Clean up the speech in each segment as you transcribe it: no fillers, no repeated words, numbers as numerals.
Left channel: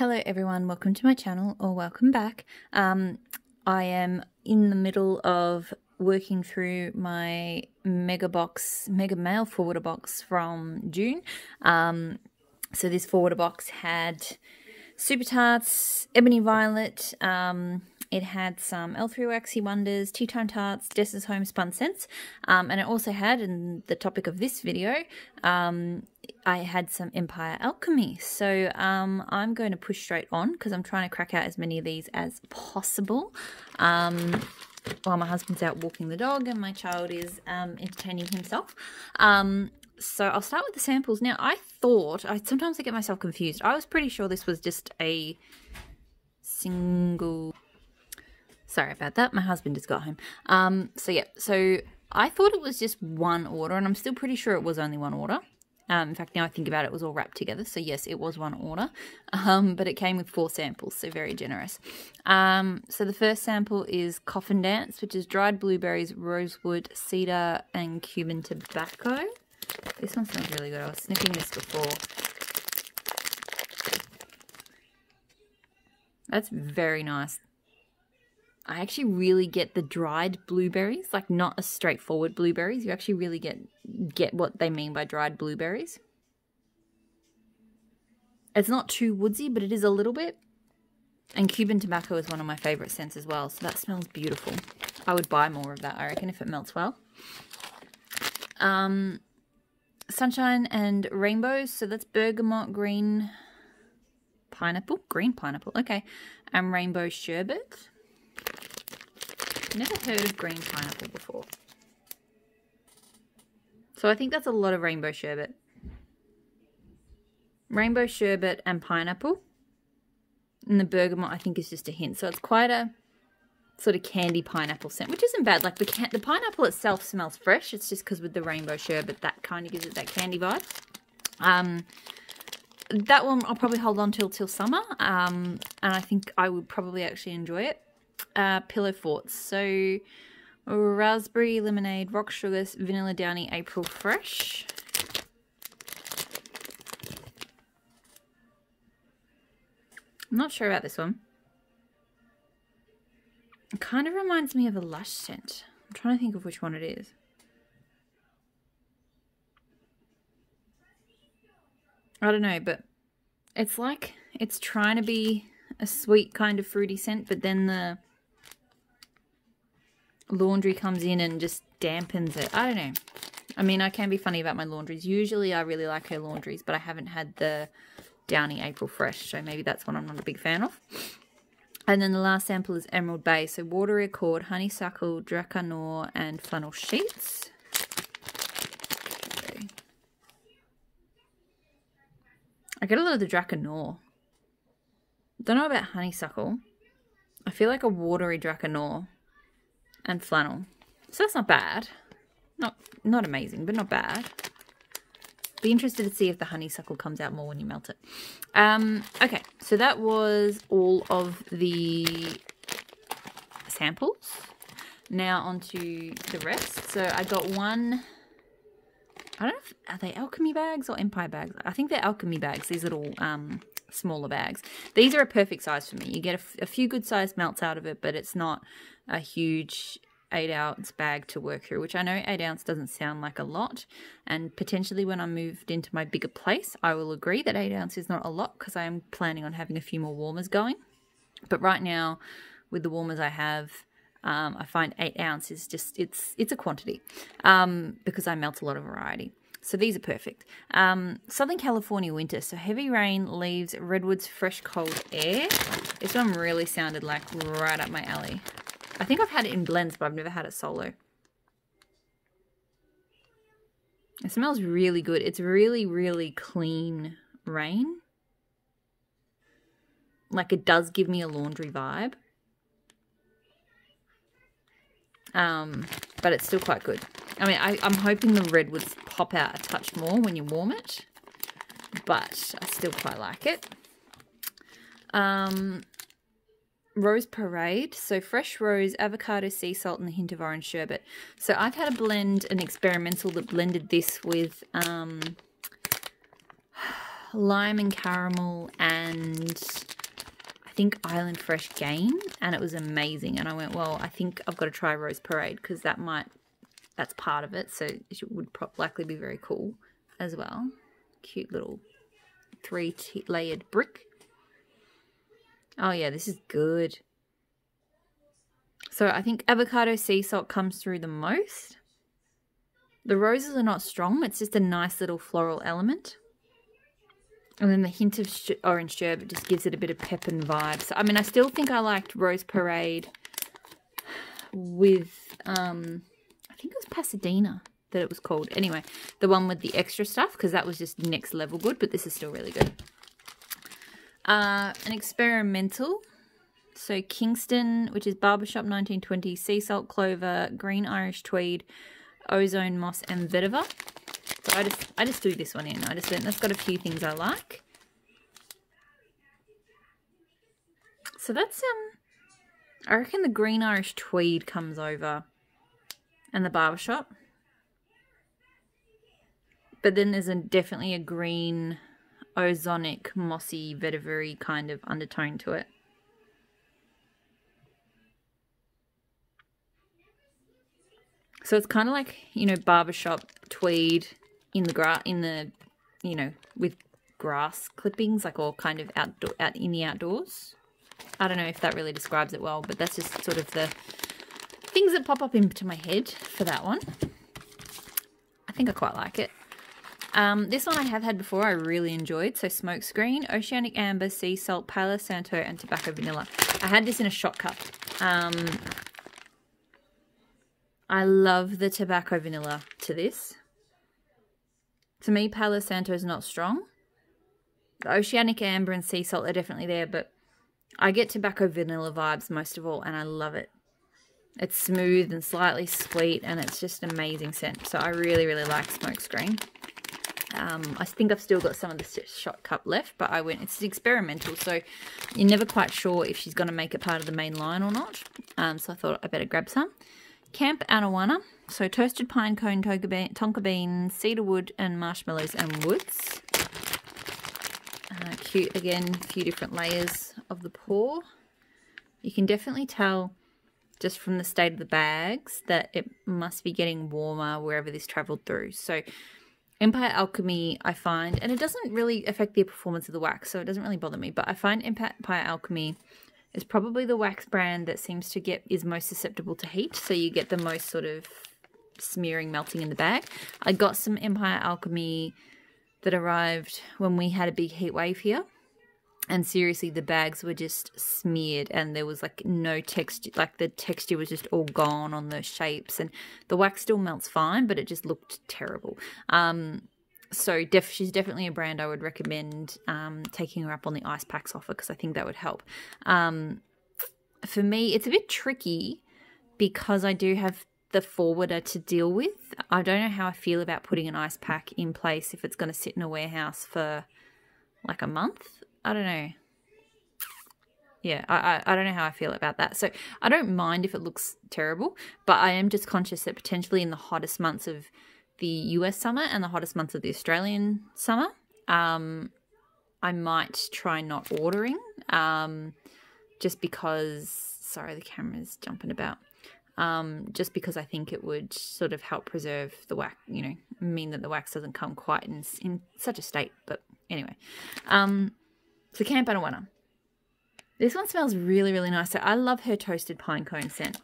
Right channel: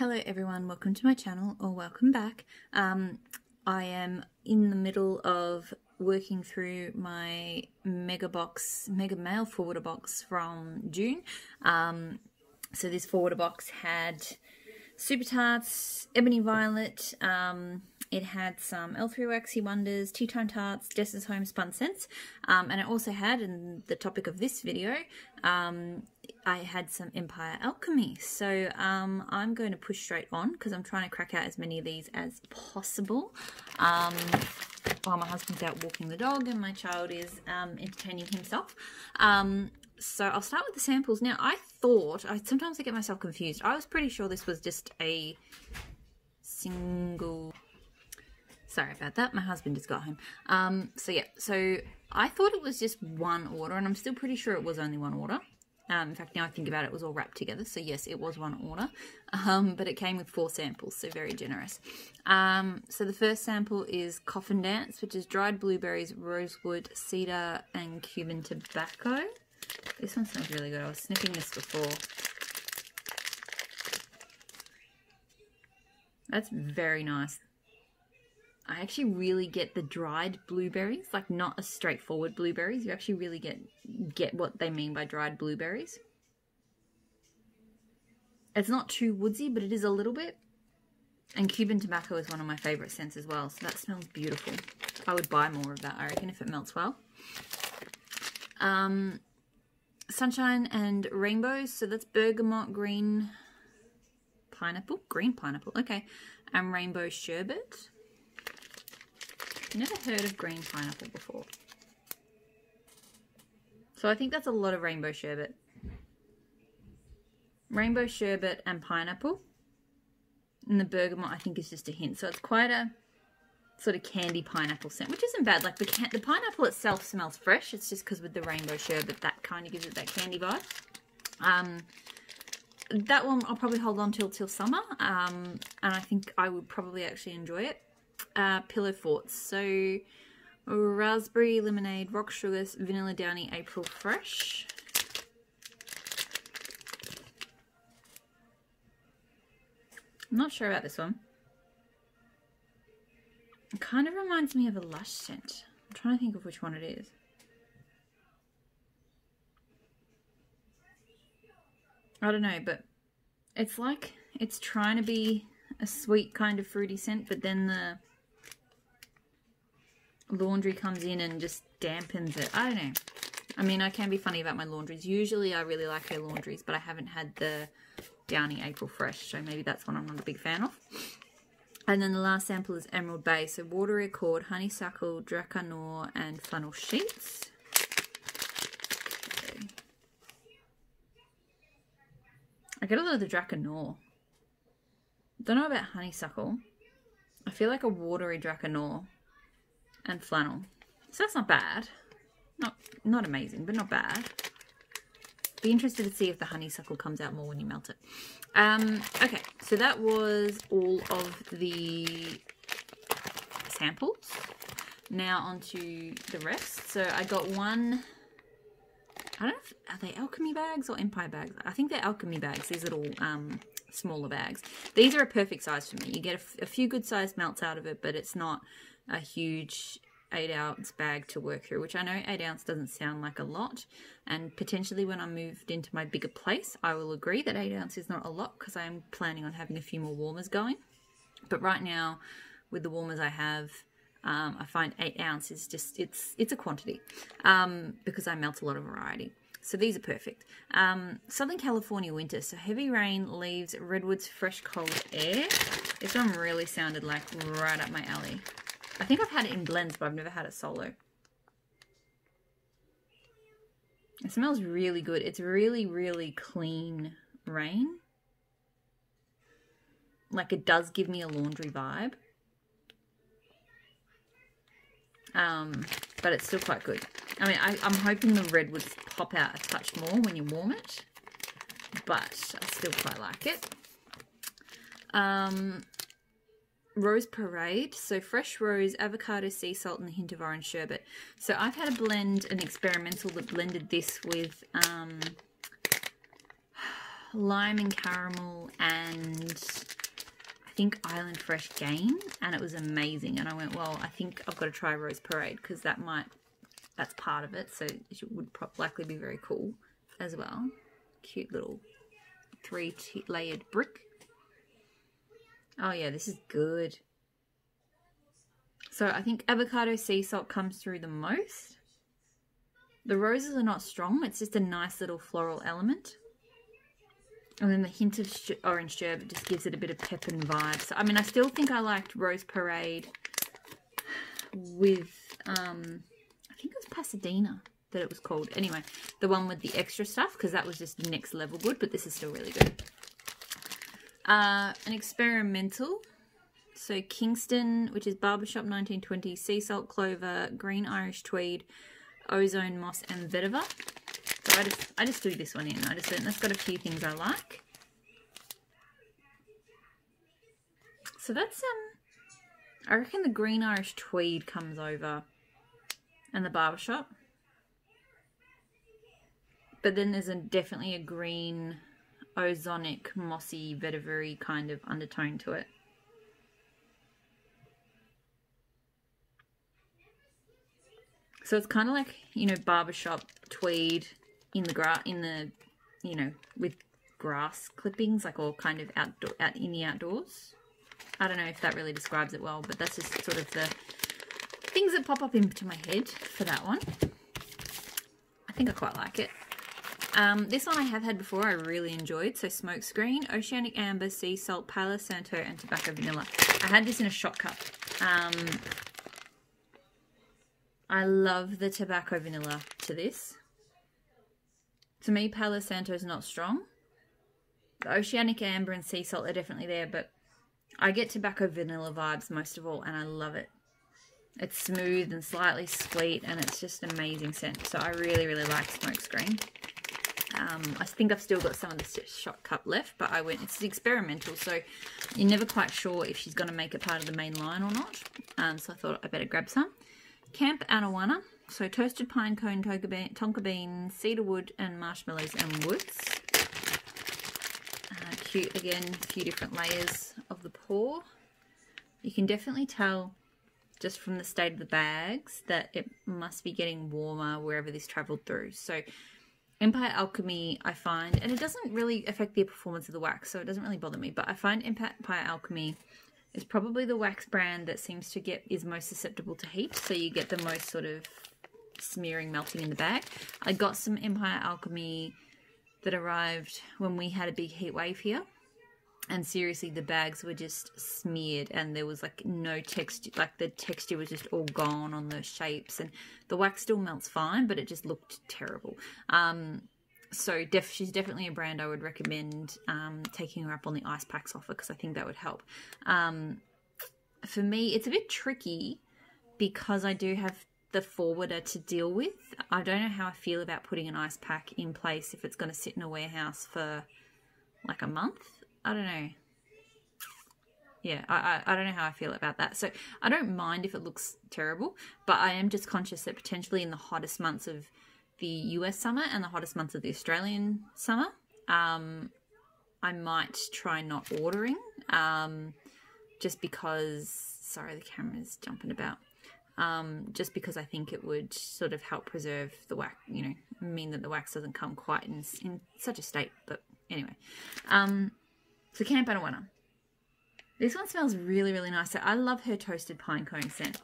Hello everyone, welcome to my channel, or welcome back. I am in the middle of working through my mega mail forwarder box from June. So this forwarder box had Super Tarts, Ebony Violet, it had some L3 Waxy Wonders, Tea Time Tarts, Jess's Home Spun Scents, and it also had, in the topic of this video, I had some Empire Alchemy. So I'm going to push straight on because I'm trying to crack out as many of these as possible while my husband's out walking the dog and my child is entertaining himself. So I'll start with the samples. Now, sometimes I get myself confused. I was pretty sure this was just a single... Sorry about that. My husband just got home. So I thought it was just one order, and I'm still pretty sure it was only one order. In fact, now I think about it, it was all wrapped together. So yes, it was one order, but it came with 4 samples, so very generous. So the first sample is Coffin Dance, which is dried blueberries, rosewood, cedar, and Cuban tobacco. This one smells really good. I was sniffing this before. That's very nice. I actually really get the dried blueberries, like not a straightforward blueberries. You actually really get what they mean by dried blueberries. It's not too woodsy, but it is a little bit. And Cuban tobacco is one of my favorite scents as well, so that smells beautiful. I would buy more of that, I reckon, if it melts well. Sunshine and Rainbows, so that's bergamot, green pineapple, okay, and rainbow sherbet. Never heard of green pineapple before. So I think that's a lot of rainbow sherbet. Rainbow sherbet and pineapple. And the bergamot I think is just a hint. So it's quite a sort of candy pineapple scent, which isn't bad. Like the pineapple itself smells fresh. It's just because with the rainbow sherbet, that kind of gives it that candy vibe. That one I'll probably hold on till summer. And I think I would probably actually enjoy it. Pillow Forts, so raspberry lemonade, rock sugar, vanilla downy, April fresh. I'm not sure about this one. It kind of reminds me of a Lush scent. I'm trying to think of which one it is. I don't know, but it's like it's trying to be a sweet kind of fruity scent, but then the laundry comes in and just dampens it. I don't know. I mean, I can be funny about my laundries. Usually I really like her laundries, but I haven't had the Downy April Fresh, so maybe that's one I'm not a big fan of. And then the last sample is Emerald Bay. So Watery Accord, Honeysuckle, Dracanor, and Flannel Sheets. Okay. I get a lot of the Dracanor. Don't know about Honeysuckle. I feel like a watery Dracanor and flannel. So that's not bad. Not amazing, but not bad. Be interested to see if the honeysuckle comes out more when you melt it. Okay, so that was all of the samples. Now onto the rest. So I got one, I don't know if, are they Alchemy bags or Empire bags? I think they're Alchemy bags, these little smaller bags. These are a perfect size for me. You get a few good sized melts out of it, but it's not a huge 8-ounce bag to work through, which I know 8 ounce doesn't sound like a lot, and potentially when I moved into my bigger place I will agree that 8 ounce is not a lot because I am planning on having a few more warmers going. But right now with the warmers I have, I find 8 ounce is just it's a quantity because I melt a lot of variety. So these are perfect. Southern California Winter. So heavy rain, leaves, redwoods, fresh cold air. This one really sounded like right up my alley. I think I've had it in blends, but I've never had it solo. It smells really good. It's really, really clean rain. Like it does give me a laundry vibe. But it's still quite good. I mean, I'm hoping the redwoods pop out a touch more when you warm it, but I still quite like it. Rose Parade, so fresh rose, avocado, sea salt, and a hint of orange sherbet. So I've had a blend, an experimental that blended this with lime and caramel and I think Island Fresh Gain, and it was amazing. And I went, well, I think I've got to try Rose Parade because that's part of it, so it would likely be very cool as well. Cute little 3-layered brick. Oh yeah, this is good. So I think avocado sea salt comes through the most. The roses are not strong. It's just a nice little floral element. And then the hint of orange sherbet just gives it a bit of pep and vibe. So, I mean, I still think I liked Rose Parade with, I think it was Pasadena that it was called. Anyway, the one with the extra stuff, because that was just next level good, but this is still really good. An experimental. So Kingston, which is Barbershop 1920, Sea Salt Clover, Green Irish Tweed, Ozone Moss, and Vetiver. So I just threw this one in. I just think that's got a few things I like. So that's I reckon the Green Irish Tweed comes over, and the Barbershop. But then there's definitely a green, ozonic, mossy, vetiver-y kind of undertone to it. So it's kind of like, you know, Barbershop Tweed in the you know, with grass clippings, like all kind of out in the outdoors. I don't know if that really describes it well, but that's just sort of the things that pop up into my head for that one. I think I quite like it. This one I have had before, I really enjoyed. So Smokescreen, Oceanic Amber, Sea Salt, Palo Santo, and Tobacco Vanilla. I had this in a shot cup. I love the Tobacco Vanilla to this. To me, Palo Santo is not strong. The Oceanic Amber and Sea Salt are definitely there, but I get Tobacco Vanilla vibes most of all, and I love it. It's smooth and slightly sweet, and it's just an amazing scent. So I really, really like Smokescreen. I think I've still got some of this shot cup left, but it's experimental, so you're never quite sure if she's going to make it part of the main line or not. So I thought I better grab some. Camp Anawana, so toasted pine cone, tonka bean, cedar wood, and marshmallows and woods. Cute, again, a few different layers of the pour. You can definitely tell just from the state of the bags that it must be getting warmer wherever this travelled through. So Empire Alchemy, I find, and it doesn't really affect the performance of the wax, so it doesn't really bother me, but I find Empire Alchemy is probably the wax brand that seems to is most susceptible to heat, so you get the most sort of smearing, melting in the bag. I got some Empire Alchemy that arrived when we had a big heat wave here, and seriously, the bags were just smeared, and there was like no texture, like the texture was just all gone on the shapes, and the wax still melts fine, but it just looked terrible. So she's definitely a brand I would recommend taking her up on the ice packs offer, because I think that would help. For me, it's a bit tricky because I do have the forwarder to deal with. I don't know how I feel about putting an ice pack in place if it's going to sit in a warehouse for like a month. I don't know. Yeah, I don't know how I feel about that. So I don't mind if it looks terrible, but I am just conscious that potentially in the hottest months of the US summer and the hottest months of the Australian summer, I might try not ordering, just because, sorry, the camera's jumping about, just because I think it would sort of help preserve the wax, you know, mean that the wax doesn't come quite in such a state. But anyway, so Camp Anawana. This one smells really, really nice. So I love her toasted pine cone scent.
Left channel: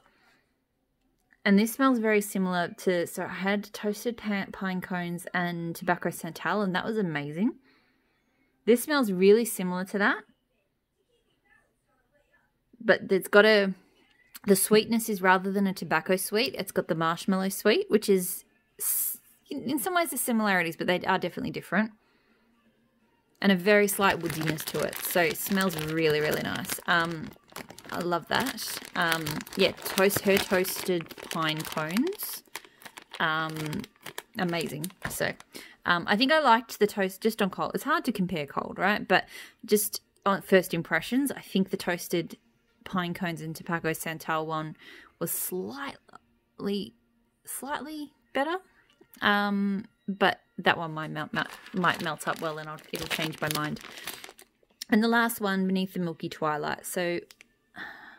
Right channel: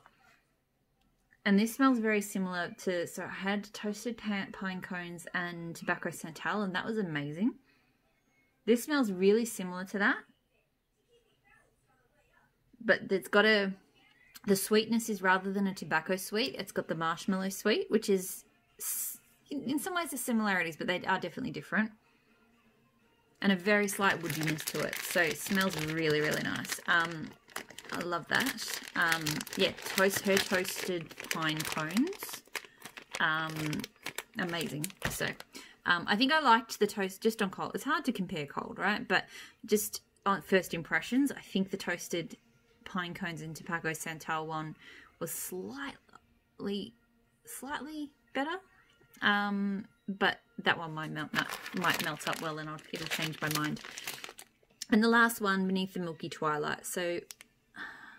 And this smells very similar to, so I had toasted pine cones and tobacco santal, and that was amazing. This smells really similar to that. But it's got the sweetness is, rather than a tobacco sweet, it's got the marshmallow sweet, which is, in some ways, the similarities, but they are definitely different. And a very slight woodiness to it. So it smells really, really nice. I love that. Yeah, her toasted pine cones. Amazing. So I think I liked the toast just on cold. It's hard to compare cold, right? But just on first impressions, I think the toasted pine cones and tobacco santal one was slightly better. But that one might melt up well, and it'll change my mind. And the last one, Beneath the Milky Twilight. So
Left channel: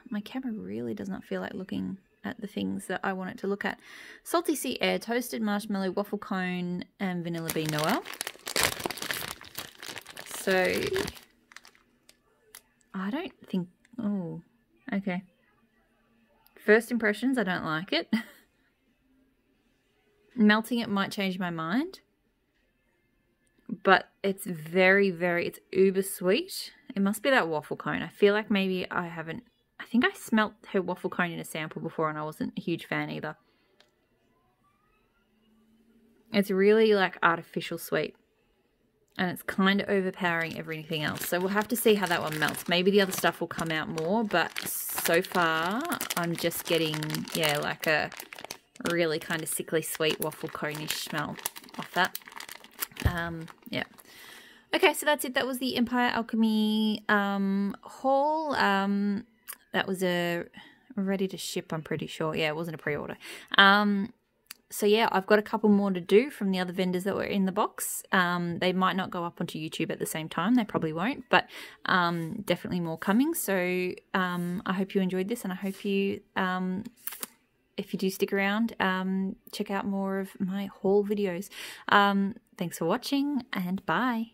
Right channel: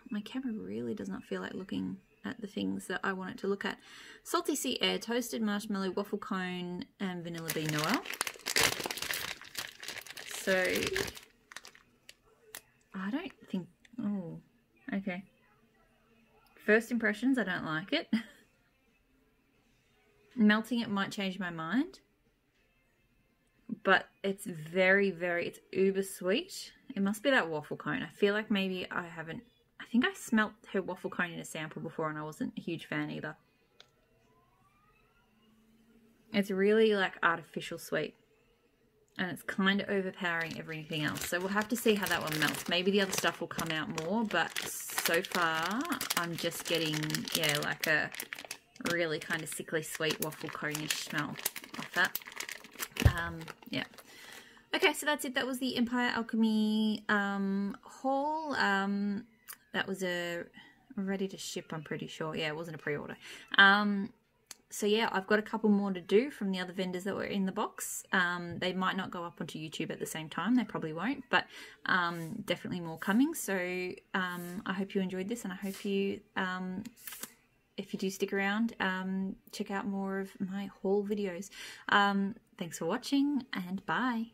my camera really does not feel like looking at the things that I want it to look at. Salty Sea Air, Toasted Marshmallow, Waffle Cone, and Vanilla Bean Noel. So I don't think, oh, okay. First impressions, I don't like it. Melting it might change my mind. But it's very, it's uber sweet. It must be that waffle cone. I feel like maybe I think I smelt her waffle cone in a sample before and I wasn't a huge fan either. It's really like artificial sweet. And it's kind of overpowering everything else. So we'll have to see how that one melts. Maybe the other stuff will come out more, but so far I'm just getting, yeah, like a really kind of sickly sweet waffle cone-ish smell off that. Yeah. Okay, so that's it. That was the Empire Alchemy haul. That was ready to ship, I'm pretty sure. Yeah, it wasn't a pre-order. So yeah, I've got a couple more to do from the other vendors that were in the box. They might not go up onto YouTube at the same time. They probably won't, but definitely more coming. So I hope you enjoyed this, and I hope you, if you do stick around, check out more of my haul videos. Thanks for watching, and bye.